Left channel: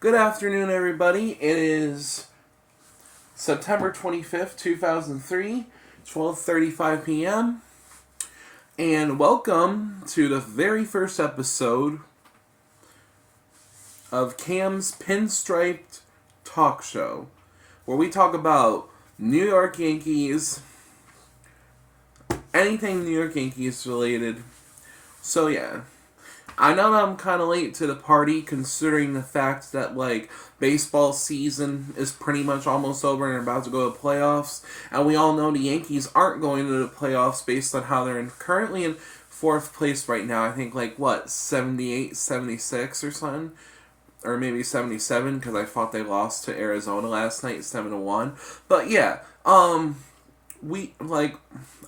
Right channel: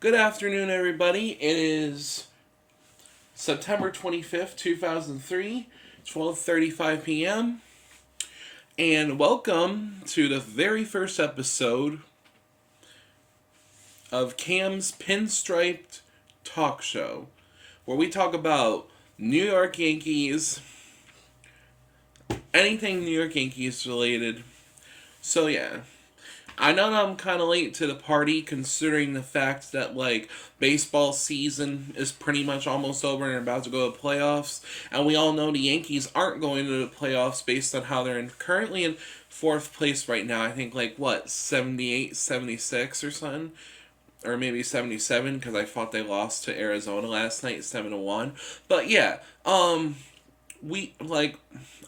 Good afternoon, everybody. It is September 25th, 2003, 12:35 p.m. And welcome to the very first episode of Cam's Pinstriped Talk Show, where we talk about New York Yankees, anything New York Yankees related. So, yeah. I know I'm kind of late to the party considering the fact that, baseball season is pretty much almost over and about to go to playoffs. And we all know the Yankees aren't going to the playoffs based on how they're currently in fourth place right now. I think, 78, 76 or something? Or maybe 77 because I thought they lost to Arizona last night, 7-1. But, yeah, I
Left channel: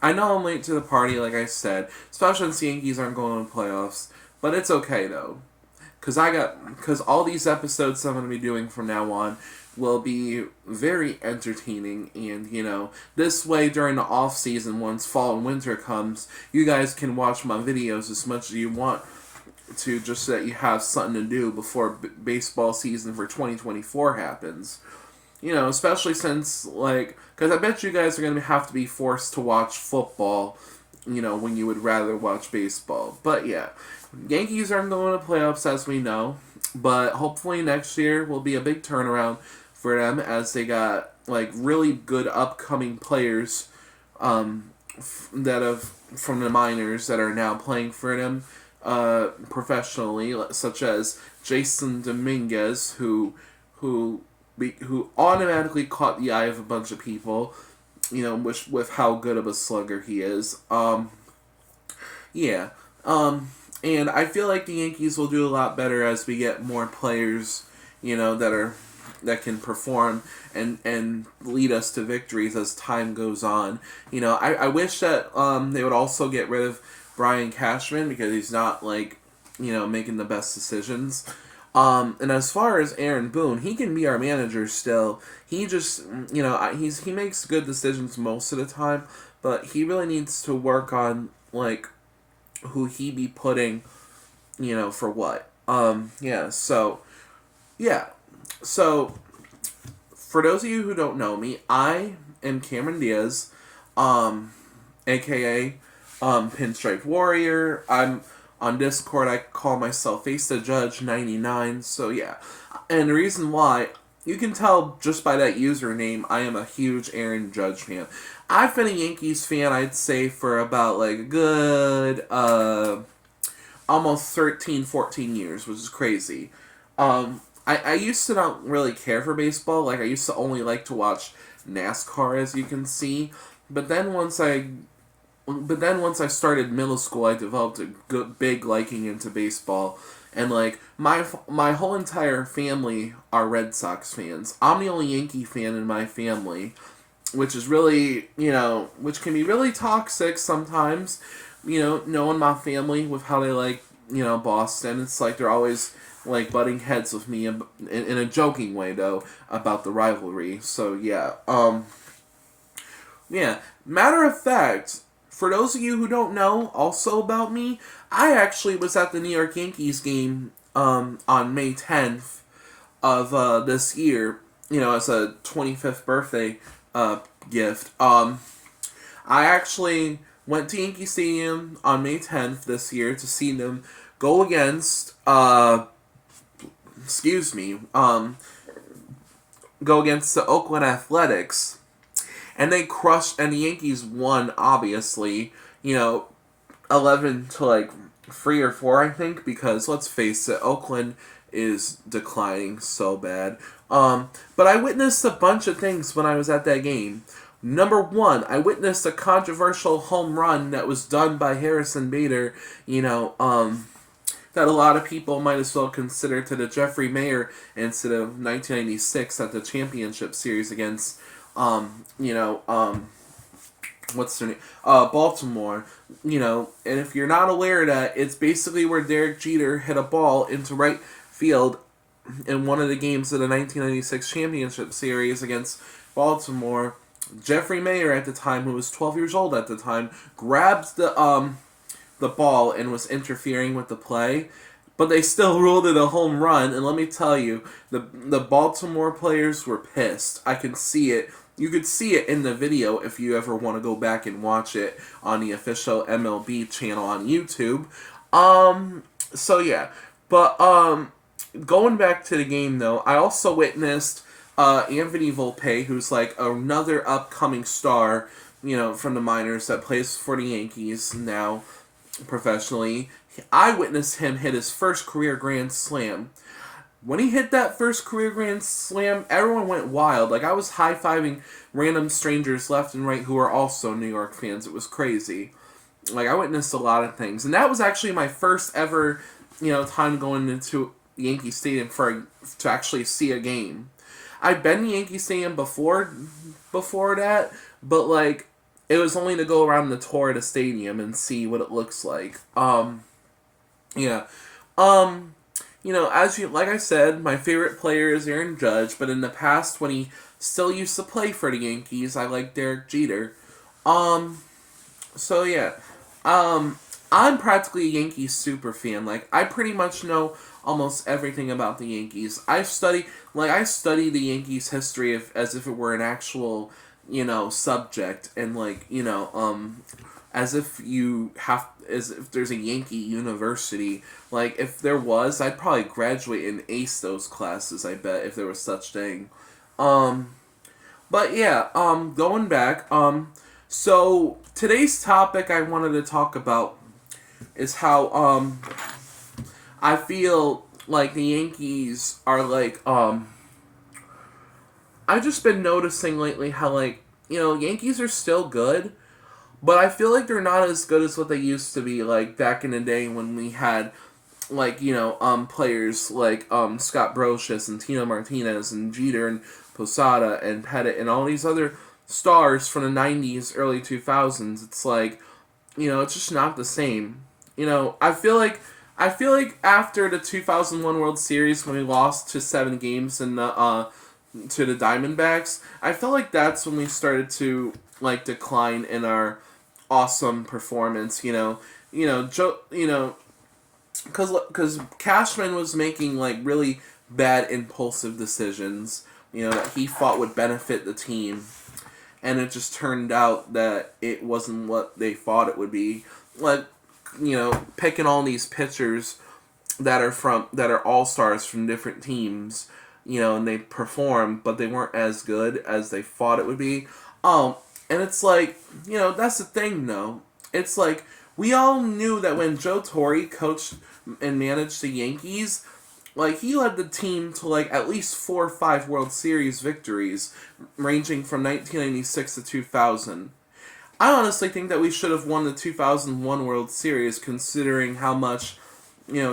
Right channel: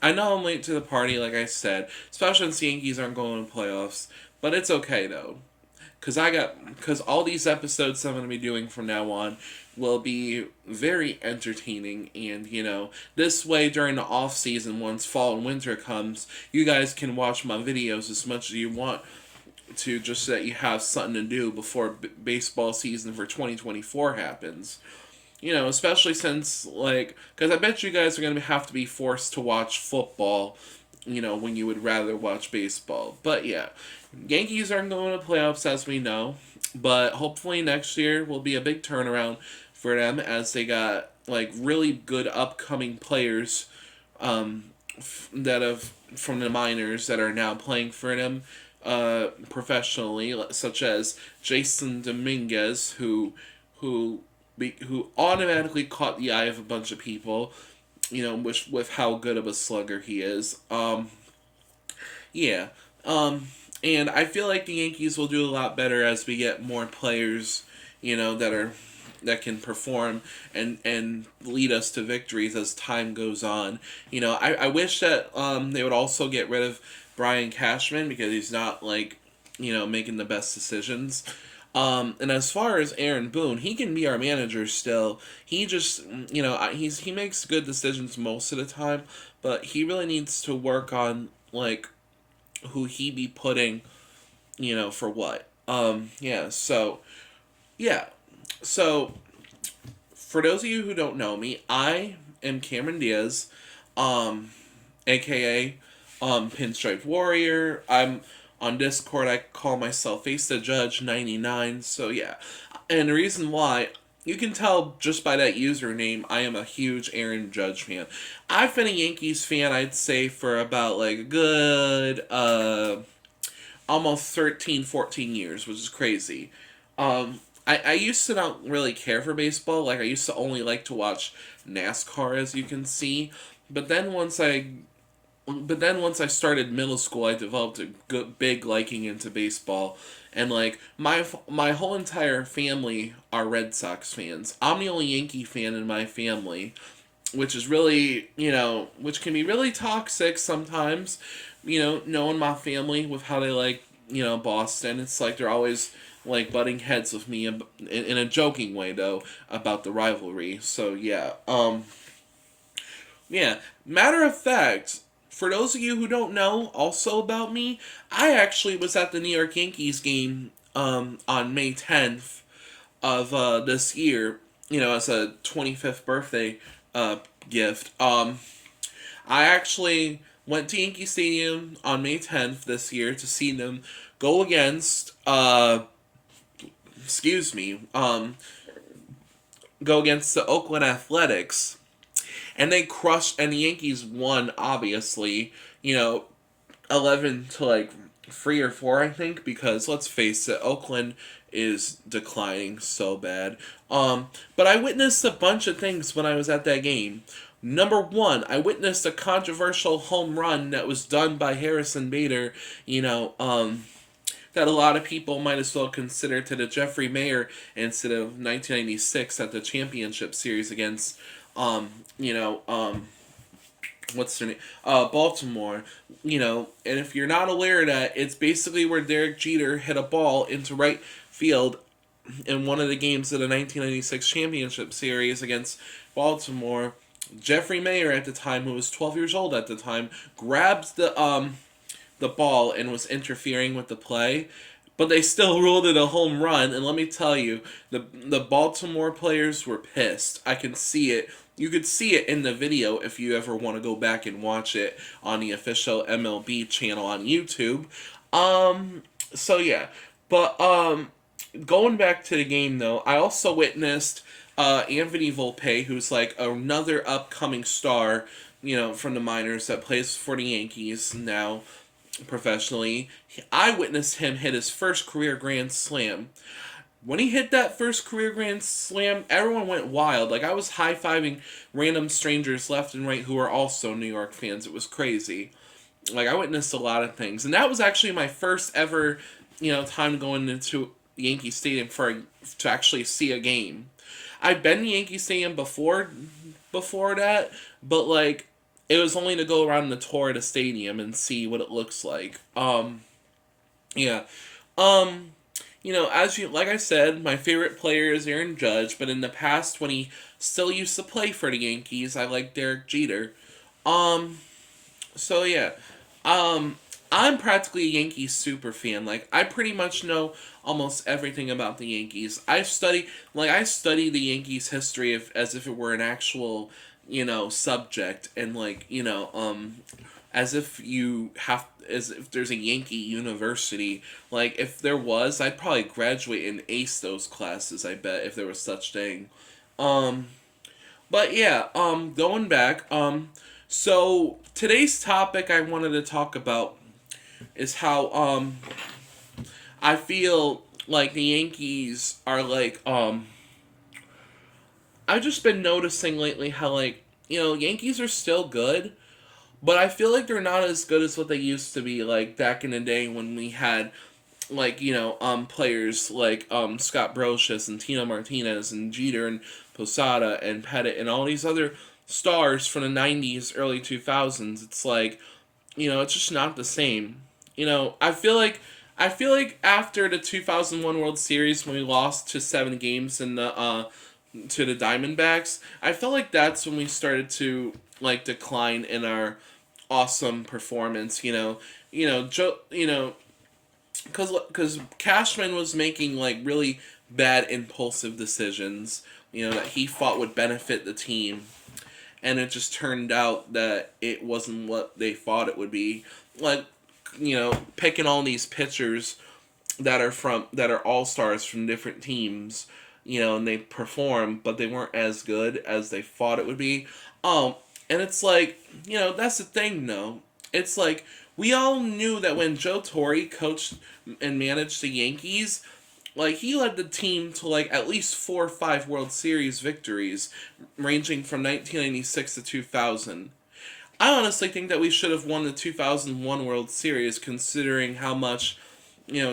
know I'm late to the party, like I said, especially since the Yankees aren't going to playoffs. But it's okay, though. Because all these episodes I'm going to be doing from now on will be very entertaining. And, this way during the off season, once fall and winter comes, you guys can watch my videos as much as you want to, just so that you have something to do before baseball season for 2024 happens. Especially since, because I bet you guys are going to have to be forced to watch football, when you would rather watch baseball. But yeah, Yankees aren't going to playoffs as we know, but hopefully next year will be a big turnaround for them as they got, really good upcoming players that have from the minors that are now playing for them professionally, such as Jason Dominguez, who automatically caught the eye of a bunch of people, with how good of a slugger he is. Yeah. And I feel like the Yankees will do a lot better as we get more players, that can perform and lead us to victories as time goes on. I wish that they would also get rid of Brian Cashman because he's not making the best decisions. And as far as Aaron Boone, he can be our manager still. He just, he makes good decisions most of the time, but he really needs to work on, who he be putting, for what. Yeah, so, yeah. So, for those of you who don't know me, I am Cameron Diaz, aka, Pinstriped Warrior. I'm on Discord, I call myself Face the Judge 99, so yeah. And the reason why, you can tell just by that username, I am a huge Aaron Judge fan. I've been a Yankees fan, I'd say, for about, a good, almost 13, 14 years, which is crazy. I used to not really care for baseball, I used to only like to watch NASCAR, as you can see, but then once I started middle school, I developed a good, big liking into baseball. And, my whole entire family are Red Sox fans. I'm the only Yankee fan in my family, which is really, which can be really toxic sometimes, knowing my family with how they like, Boston. It's they're always, butting heads with me in a joking way, though, about the rivalry. So, yeah. Yeah. Matter of fact, for those of you who don't know also about me, I actually was at the New York Yankees game on May 10th of this year, as a 25th birthday gift. I actually went to Yankee Stadium on May 10th this year to see them go against, go against the Oakland Athletics. And they crushed, and the Yankees won, obviously, 11 to 3 or 4, I think, because let's face it, Oakland is declining so bad. But I witnessed a bunch of things when I was at that game. Number one, I witnessed a controversial home run that was done by Harrison Bader, that a lot of people might as well consider to the Jeffrey Mayer incident of 1996 at the championship series against what's their name? Baltimore. And if you're not aware of that, it's basically where Derek Jeter hit a ball into right field in one of the games of the 1996 championship series against Baltimore. Jeffrey Mayer at the time, who was 12 years old at the time, grabbed the ball and was interfering with the play. but they still ruled it a home run. And let me tell you, the Baltimore players were pissed. I can see it. You could see it in the video if you ever want to go back and watch it on the official MLB channel on YouTube. So yeah, but going back to the game though, I also witnessed Anthony Volpe, who's like another upcoming star, from the minors that plays for the Yankees now professionally. I witnessed him hit his first career grand slam. When he hit that first career grand slam, everyone went wild. Like, I was high-fiving random strangers left and right who were also New York fans. It was crazy. Like, I witnessed a lot of things. And that was actually my first ever, time going into Yankee Stadium to actually see a game. I've been to Yankee Stadium before that, but, like, it was only to go around the tour of the stadium and see what it looks like. Yeah. Like I said, my favorite player is Aaron Judge, but in the past, when he still used to play for the Yankees, I like Derek Jeter. So yeah. I'm practically a Yankees super fan. Like, I pretty much know almost everything about the Yankees. I study the Yankees history as if it were an actual, subject, and as if there's a Yankee university. Like, if there was, I'd probably graduate and ace those classes, I bet, if there was such thing. But yeah, going back, so today's topic I wanted to talk about is how, I feel like the Yankees are like, I've just been noticing lately how, like, Yankees are still good, but I feel like they're not as good as what they used to be, like, back in the day when we had, like, players like, Scott Brocious and Tino Martinez and Jeter and Posada and Pettit and all these other stars from the 90s, early 2000s. It's like, it's just not the same. I feel like after the 2001 World Series, when we lost to 7 games in the, to the Diamondbacks, I felt like that's when we started to, like, decline in our awesome performance, because Cashman was making, like, really bad impulsive decisions, that he thought would benefit the team, and it just turned out that it wasn't what they thought it would be. Like, picking all these pitchers that are all-stars from different teams, and they perform, but they weren't as good as they thought it would be. And it's like, that's the thing, though. It's like, we all knew that when Joe Torre coached and managed the Yankees, like, he led the team to, like, at least 4 or 5 World Series victories, ranging from 1996 to 2000. I honestly think that we should have won the 2001 World Series, considering how much,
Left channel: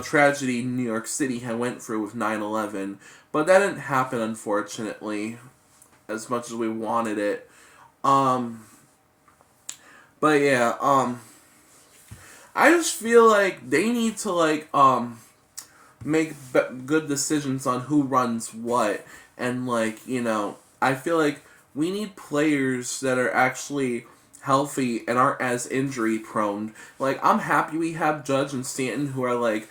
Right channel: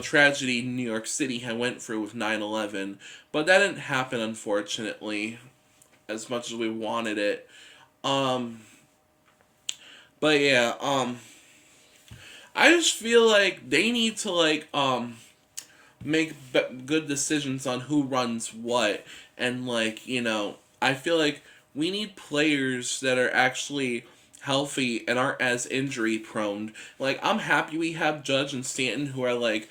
tragedy New York City had went through with 9/11. But that didn't happen, unfortunately, as much as we wanted it. But yeah, I just feel like they need to, like, make good decisions on who runs what. And, like, I feel like we need players that are actually healthy and aren't as injury prone. Like, I'm happy we have Judge and Stanton, who are like,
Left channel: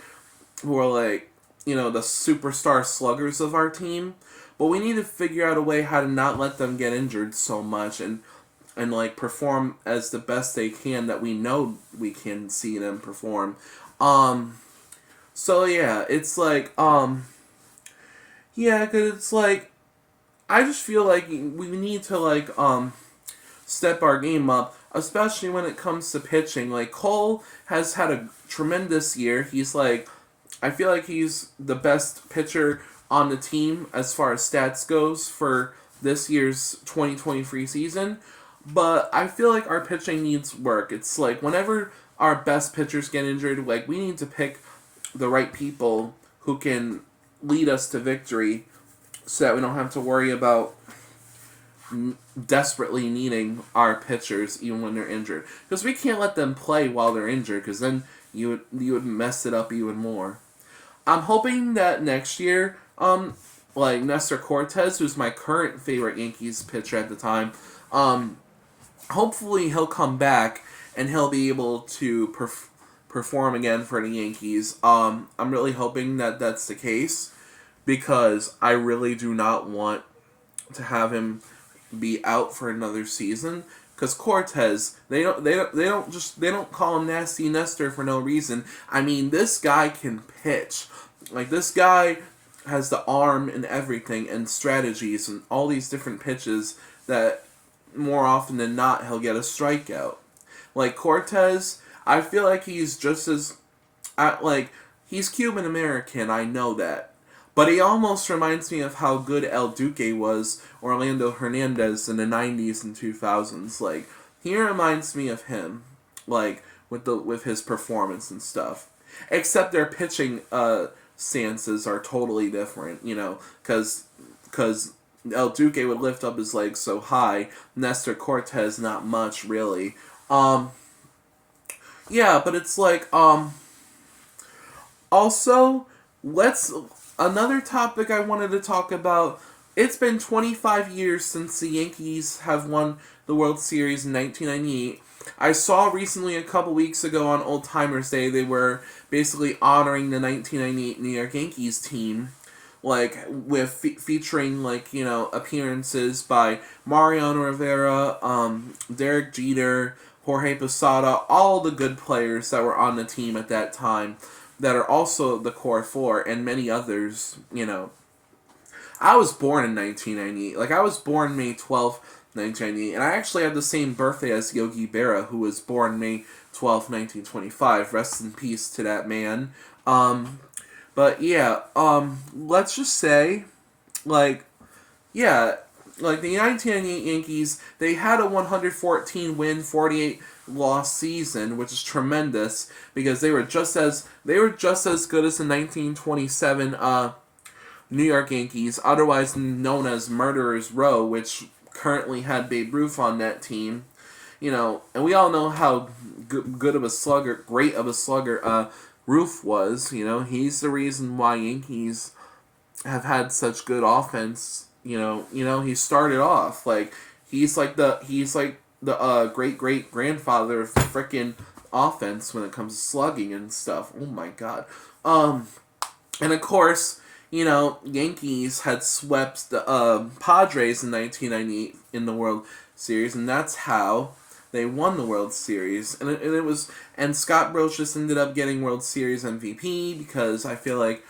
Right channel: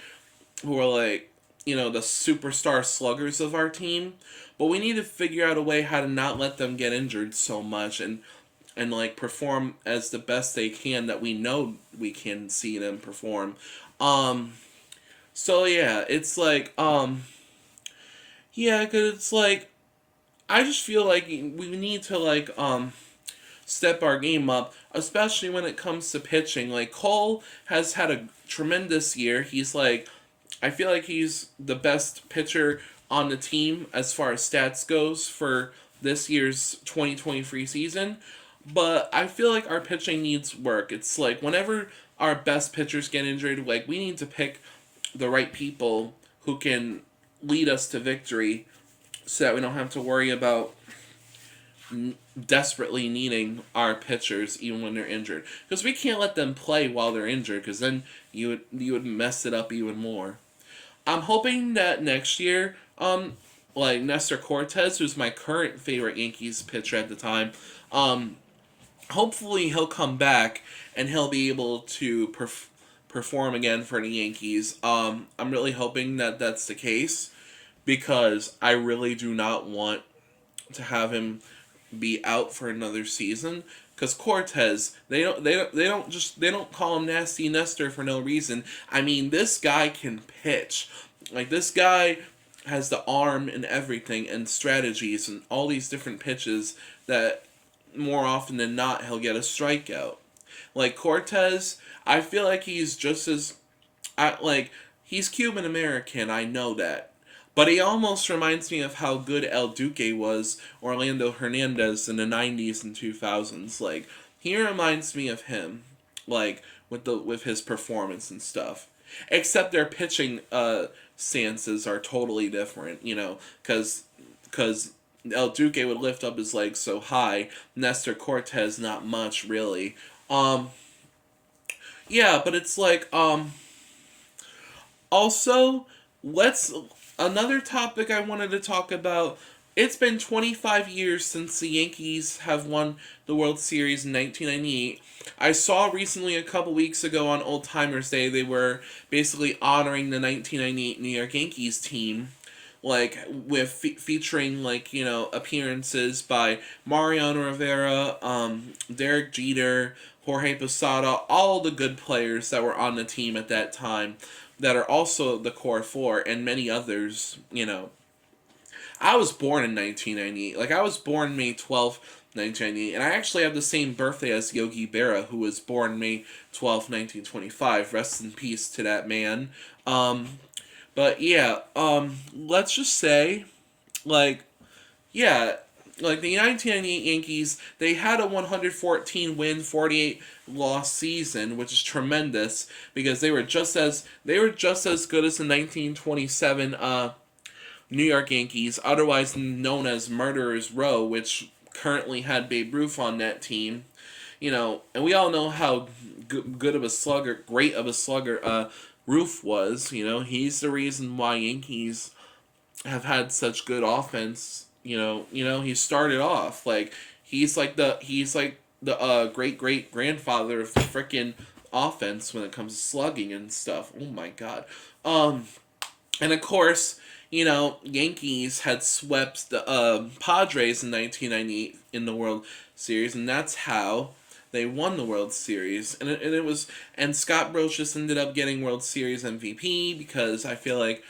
the superstar sluggers of our team. But we need to figure out a way how to not let them get injured so much and like, perform as the best they can that we know we can see them perform. So yeah, it's like, yeah, cause it's like, I just feel like we need to, like, step our game up, especially when it comes to pitching. Like, Cole has had a tremendous year. He's like, I feel like he's the best pitcher on the team as far as stats goes for this year's 2023 season. But I feel like our pitching needs work. It's like, whenever our best pitchers get injured, like, we need to pick the right people who can lead us to victory so that we don't have to worry about desperately needing our pitchers even when they're injured. Because we can't let them play while they're injured, because then you would mess it up even more. I'm hoping that next year, like, Nestor Cortez, who's my current favorite Yankees pitcher at the time, hopefully he'll come back and he'll be able to perform again for the Yankees. I'm really hoping that that's the case because I really do not want to have him be out for another season. Because Cortez, they don't call him Nasty Nestor for no reason. I mean, this guy can pitch. Like, this guy has the arm and everything and strategies and all these different pitches that more often than not he'll get a strikeout. Like Cortez, I feel like he's just as he's Cuban American, I know that. But he almost reminds me of how good El Duque was, Orlando Hernandez in the 90s and 2000s. Like, he reminds me of him, like, with his performance and stuff. Except their pitching stances are totally different, because El Duque would lift up his legs so high. Nestor Cortez, not much, really. Yeah, but it's like, also, another topic I wanted to talk about. It's been 25 years since the Yankees have won the World Series in 1998. I saw recently, a couple weeks ago on Old Timers Day, they were basically honoring the 1998 New York Yankees team, like, with featuring, like, appearances by Mariano Rivera, Derek Jeter, Jorge Posada, all the good players that were on the team at that time that are also the core four, and many others, I was born in 1998. Like, I was born May 12th, 1998, and I actually have the same birthday as Yogi Berra, who was born May 12th, 1925. Rest in peace to that man. But yeah, let's just say, like, yeah, like the 1998 Yankees, they had a 114 win, 48 loss season, which is tremendous because they were just as good as the 1927 New York Yankees, otherwise known as Murderers Row, which currently had Babe Ruth on that team. And we all know how great of a slugger Ruth was. He's the reason why Yankees have had such good offense. He started off like he's like the great grandfather of frickin' offense when it comes to slugging and stuff. Oh my god. And of course, Yankees had swept the Padres in 1998 in the World Series, and that's how they won the World Series. And Scott Brooks just ended up getting World Series MVP because I feel like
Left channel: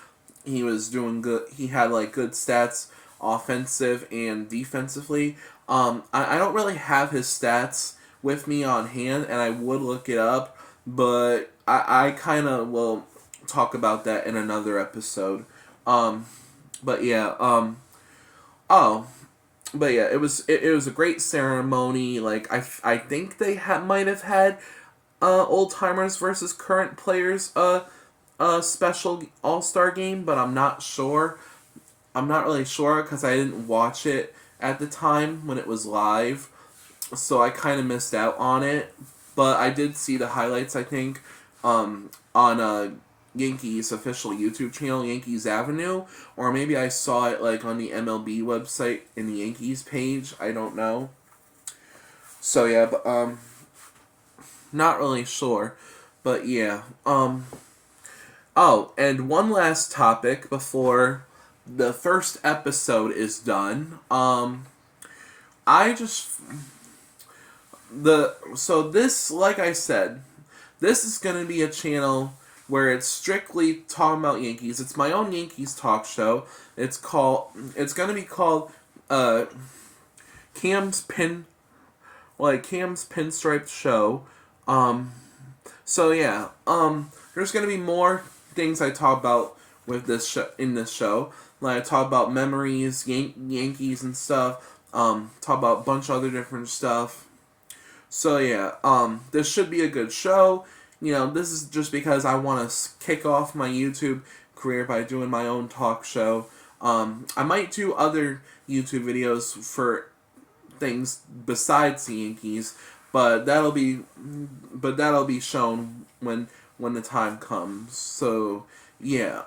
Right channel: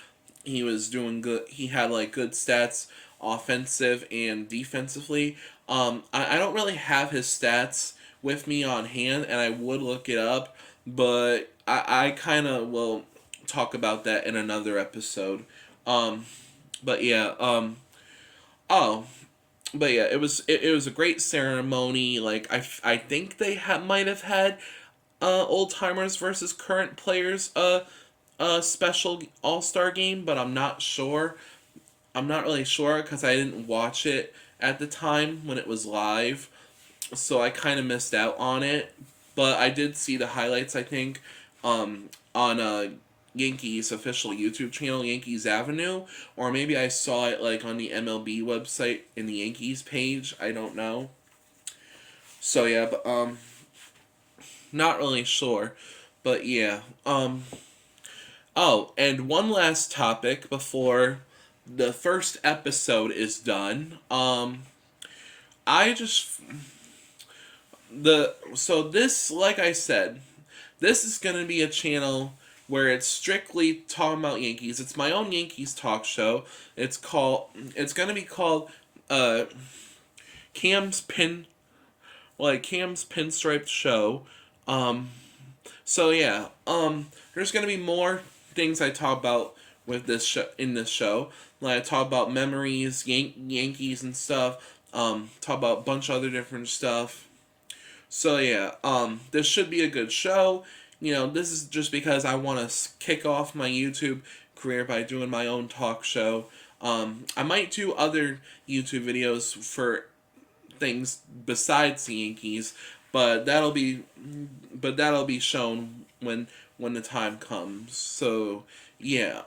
he was doing good. He had like good stats, offensive and defensively. I don't really have his stats with me on hand, and I would look it up, but I kind of will talk about that in another episode. But yeah, it was a great ceremony. Like I think they might have had old timers versus current players a special All-Star game, but I'm not sure. I'm not really sure because I didn't watch it at the time when it was live, so I kind of missed out on it. But I did see the highlights, I think, on Yankees official YouTube channel, Yankees Avenue, or maybe I saw it like on the MLB website in the Yankees page. I don't know. So yeah, but not really sure, but yeah. Oh, and one last topic before the first episode is done. This, like I said, this is gonna be a channel where it's strictly talking about Yankees. It's my own Yankees talk show. It's gonna be called Cam's Pinstriped Show. So yeah, there's gonna be more things I talk about with this in this show. Like I talk about memories, Yankees and stuff. Talk about a bunch of other different stuff. So yeah, this should be a good show. This is just because I want to kick off my YouTube career by doing my own talk show. I might do other YouTube videos for things besides the Yankees, but that'll be shown when the time comes. So yeah,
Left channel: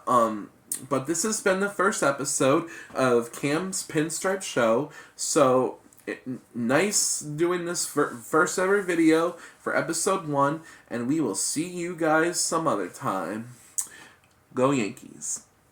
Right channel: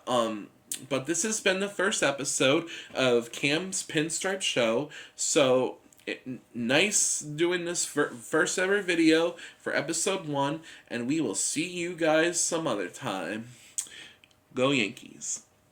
but this has been the first episode of Cam's Pinstripe Show. So nice doing this first ever video for episode 1, and we will see you guys some other time. Go Yankees.